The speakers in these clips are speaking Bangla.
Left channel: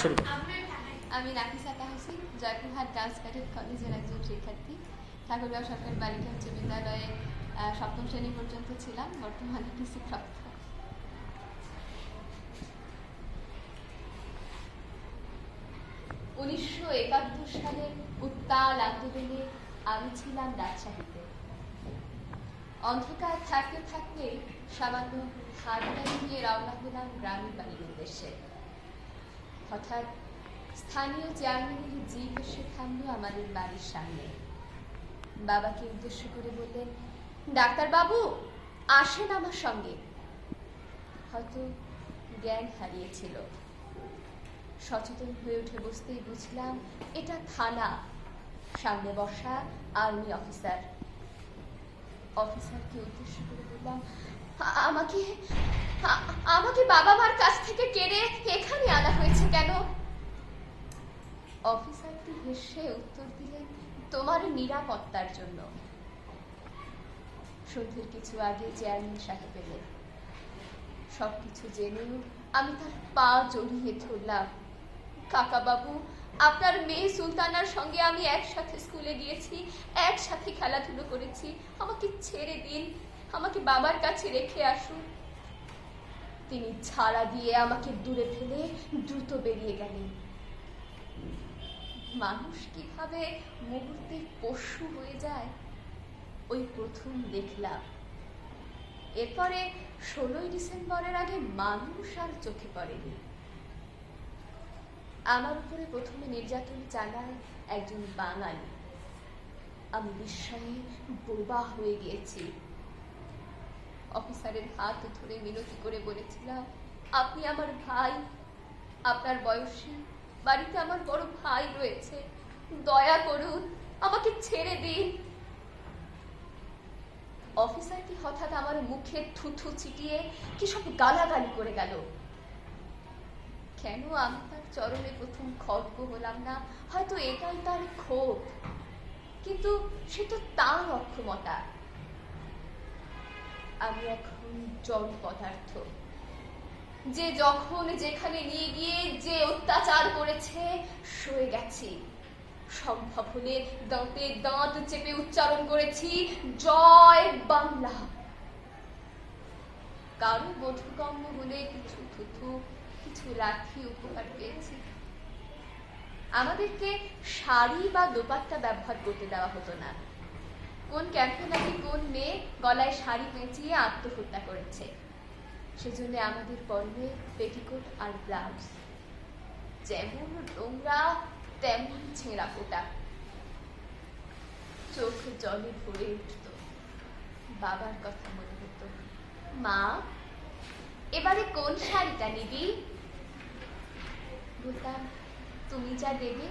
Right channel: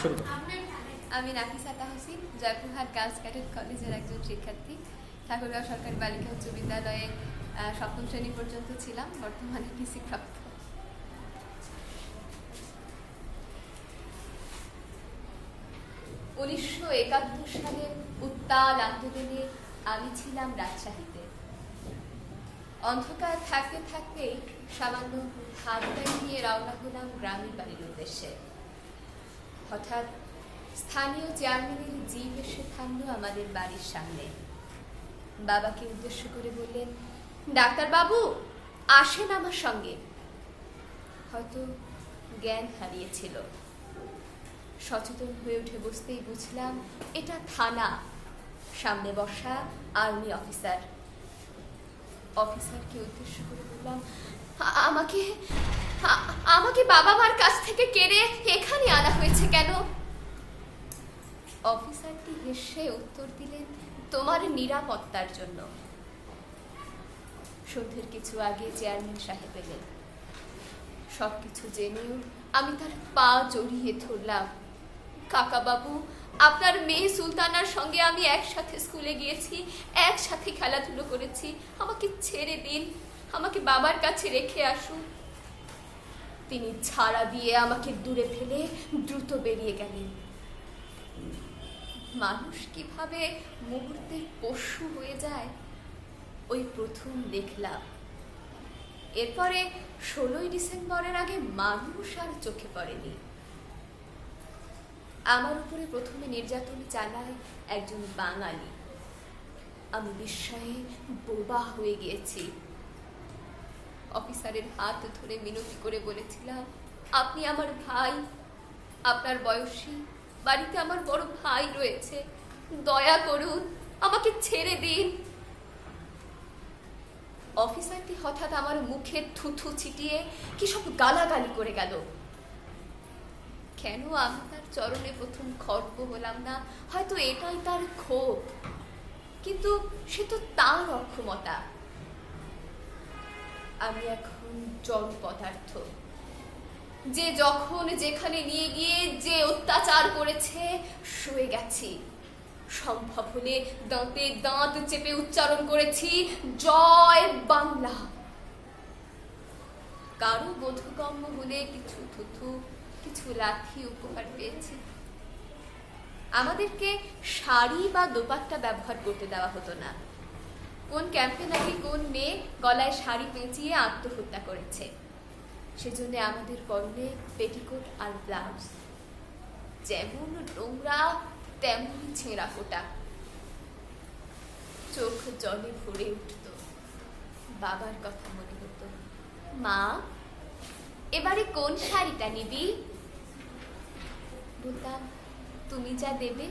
শুরু করুন। আমি নাফিসা তাহসিন, জয়পুরহাট গার্লস ক্যাডেট কলেজের একজন শিক্ষার্থী। ঠাকুরগাঁও সরকারি বালিকা উচ্চ বিদ্যালয়ে সপ্তম শ্রেণী পর্যন্ত ছিলাম, বর্তমানে পিসি প্রাপ্ত। উনিশশো ৭১ সালের উত্তাল আন্দোলনে আমি ছিলাম রাজশাহীতে। অন্ধকার থাকতে থাকতে সামান্য হাত গাড়ি নিয়ে রওনা হলাম গ্রামের বাড়ির উদ্দেশ্যে। হঠাৎ স্থানীয় চেয়ারম্যানের জিপ এসে থামলো আমাদের বাড়ির সামনে। বাবাকে উদ্দেশ্য করে বললেন, ডাক্তার বাবু আসেন আমার সঙ্গে। হয়তো জ্ঞান হারিয়েছিল। সচেতন হয়ে উঠে বসতেই বুঝলাম এটা থানা, সামনে বসা আর্মি অফিসার। অফিসারকে উদ্দেশ্য করে বললাম, আমাকে বাবা মার কাছ থেকে কেড়ে এখানে আনা হয়েছে কেন? অফিসারটি হেসে উত্তর দিলেন, তোমার নিরাপত্তার জন্য। সন্ধ্যের কিছু আগে চেয়ারম্যান সাহেব এলেন। সবকিছু জেনেও আমি তার পা জড়িয়ে ধরলাম। কাকা বাবু, আপনার মেয়ে সুলতানার সঙ্গে আমি একসাথে স্কুলে গিয়েছি, একসাথে খেলাধুলো করেছি, আমাকে ছেড়ে দিন, আমাকে বাবার কাছে রেখে আসুন। তিনি ছাড়া দিয়ে আমাকে দূরে ফেলে দ্রুত বেরিয়ে গেলেন। মানুষ কিভাবে মুহূর্তে পশু হয়ে যায় ওই প্রথম দেখলাম। এরপরে ১৬ই ডিসেম্বরের আগে মানুষ আর চোখে পড়েনি। আমার উপরে প্রথমে নির্যাতন চালায় একজন বাঙালি। আমি বিস্ময়ে বোবা হয়ে গিয়েছি। অফিসারের হাত ধরে মিনতি করে বলেছিলাম, আপনি আমার ভাই, আপনার বয়সী, বাড়িতে আমার বড় ভাই রয়েছে, দয়া করুন, আমাকে ছেড়ে দিন। অফিসারটি হঠাৎ আমার মুখে থুথু ছিটিয়ে কি সব গালাগালি করে গেল। কেন আমি তার চরণে প্রথম খর্ব হলাম না? হয়তো এটাই তার ক্ষোভ, কিন্তু সে তো তার অক্ষমতা। আমি এখন জড় পদার্থ, যে যখন যেখানে নিয়ে গিয়ে যে অত্যাচার করেছে সয়ে গেছি। সম্ভব হলে দাঁতে দাঁত চেপে উচ্চারণ করেছি, জয় বাংলা। কারো বোধগম্য হলে কিছু থুথু, কিছু লাঠি উপহার পেয়েছি। আমাদেরকে শাড়ি বা দোপাট্টা ব্যবহার করতে দেওয়া হতো না। কোন ক্যাম্পে নাকি কোন মেয়ে গলায় শাড়ি পেঁচিয়ে আত্মহত্যা করেছে, সেজন্য আমাদের পরনে পেটিকোট আর ব্লাউজ। যেমন নোংরা তেমন ছেঁড়া ফোটা। চোখ জলে ভরে উঠত। বাবার কথা মনে হতো, মা এবারে কোন শাড়িটা নিবি? বলতাম, তুমি যা দেবে।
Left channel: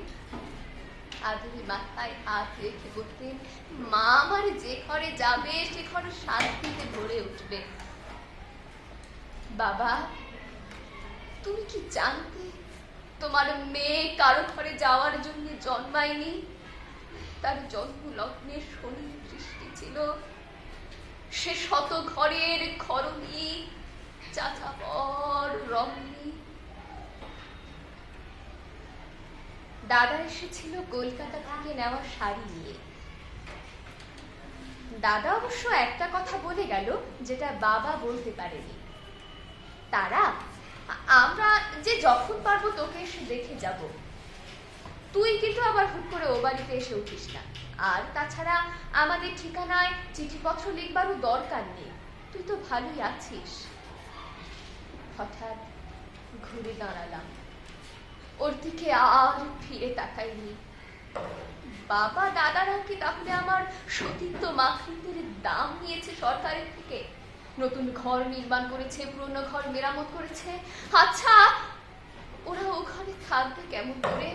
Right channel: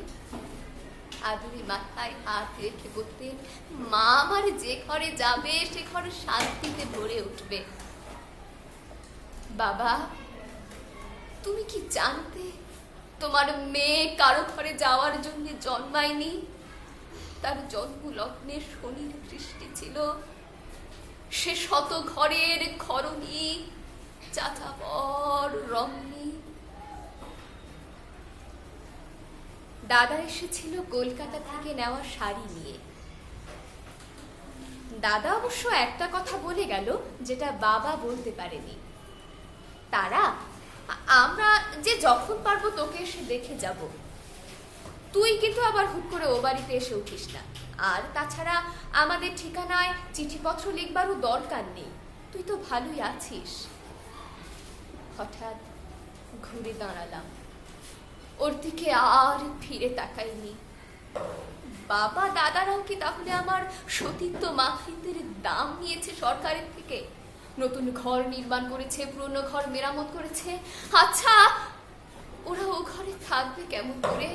আদুরি মাথায় হাত রেখে বলতেন, মা আমার যে ঘরে যাবে সে ঘরে শান্তিতে ভরে উঠবে। বাবা, তুমি কি জানতে তোমার মেয়ে কারো ঘরে যাওয়ার জন্য জন্মায়নি? তার জন্ম লগ্নে শনির দৃষ্টি ছিল। সে শত ঘরের খরণী, চাচাপর রমণী। দাদা এসেছিল কলকাতা থেকে নেওয়া শাড়ি নিয়ে। দাদা অবশ্য একটা কথা বলে গেল যেটা বাবা বলতে পারেনি। তারা, আমরা যে যখন পারবো তোকে এসে দেখে যাব, তুই কিন্তু আবার হুট করে ও বাড়িতে এসে উঠিস না। আর তাছাড়া আমাদের ঠিকানায় চিঠিপত্র লিখবারও দরকার নেই, তুই তো ভালোই আছিস। হঠাৎ ঘুরে দাঁড়ালাম, ওর দিকে আর ফিরে তাকাইনি। বাবা দাদারাও কি তাহলে আমার সতীত্ব মাতৃত্বের দাম নিয়েছে সরকারের থেকে? নতুন ঘর নির্মাণ করেছে, পুরনো ঘর মেরামত করেছে। আচ্ছা, ওরা ও ঘরে থাকবে কেমন করে?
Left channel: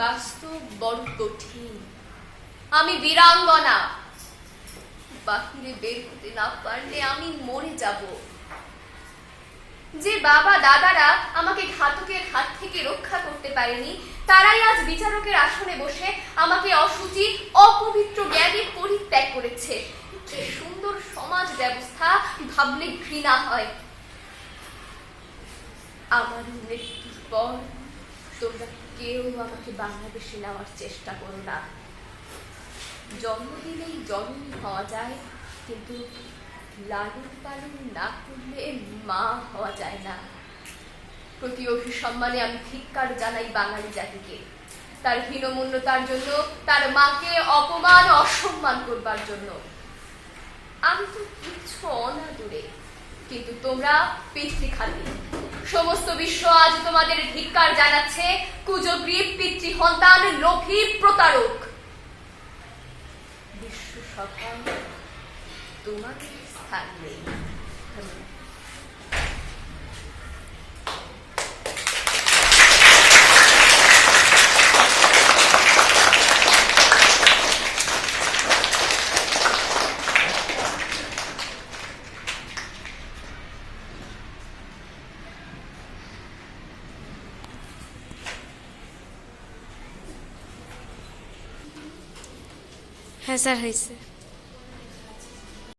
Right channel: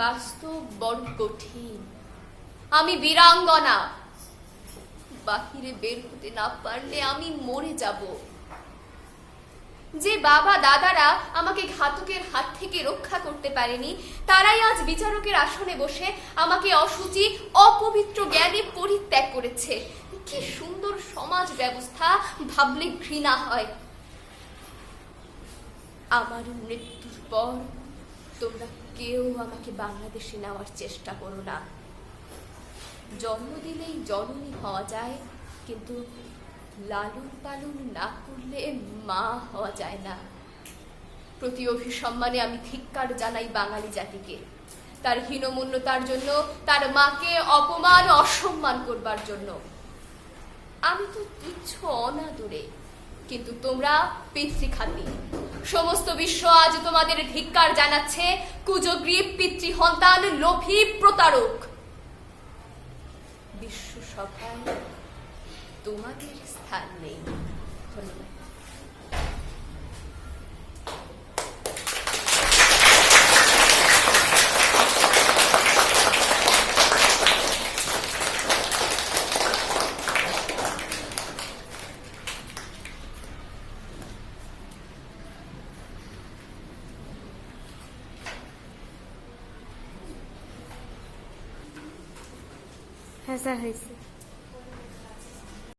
বাস্তব বড় কঠিন। আমি বীরাঙ্গনা, বাহিরে বের হতে না পারলে আমি মরে যাব। যে বাবা দাদারা আমাকে ঘাতকের হাত থেকে রক্ষা করতে পারেনি, তারাই আজ বিচারকের আসনে বসে আমাকে অশুচি, অপবিত্র জ্ঞানে পরিত্যাগ করেছে। কি সুন্দর সমাজ ব্যবস্থা, ভাবলে ঘৃণা হয়। আমার মৃত্যুর পর তোমরা কেউ আমাকে বাংলাদেশে নেওয়ার চেষ্টা করো না। জন্ম দিলেই জননী হওয়া যায়, কিন্তু লালন পালন না করলে মা হওয়া যায় না। প্রতি অভিসম্মানে আমি ধিক্কার জানাই বাঙালি জাতিকে, তার হীনমন্যতার জন্য, তার মাকে অপমান অসম্মান করবার জন্য। আমি তো তুচ্ছ অনাদরে, কিন্তু তোমরা পিতৃঘাতী। সমস্ত বিশ্ব আজ তোমাদের ধিক্কার জানাচ্ছে। কুজগ্রীব, পিতৃহন্তান, লোভী, প্রতারক। বিশ্ব সভায় তোমাদের স্থান নেই। ধন্যবাদ। হ্যাঁ স্যার, হয়েছে।